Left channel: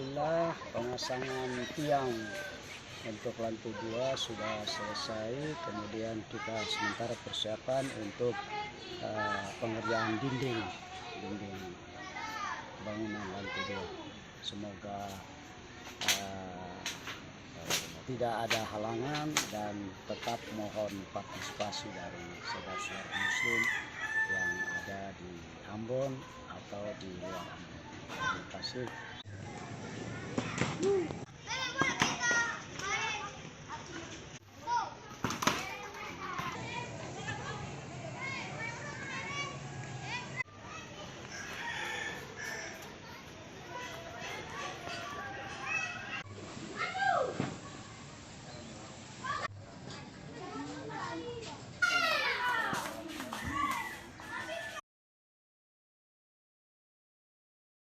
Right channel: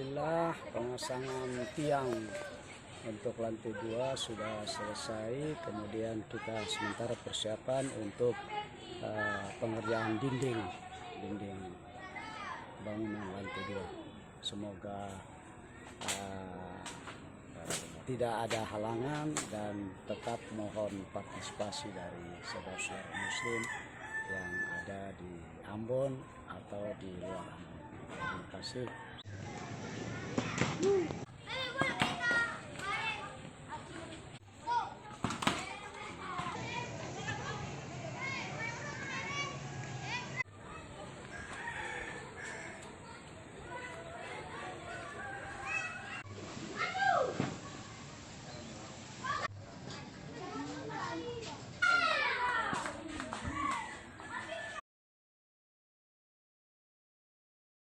Alhamdulillah pemasangan tiang untuk lantai 2 sudah selesai. Kemudian kita sementara persiapan untuk pengerjaan dinding bangunan lantai 2. Semoga tidak ada halangan dan tetap mohon partisipasi dari saudara-saudara muslim yang ada di Ambon atau di luar Ambon. Terima kasih.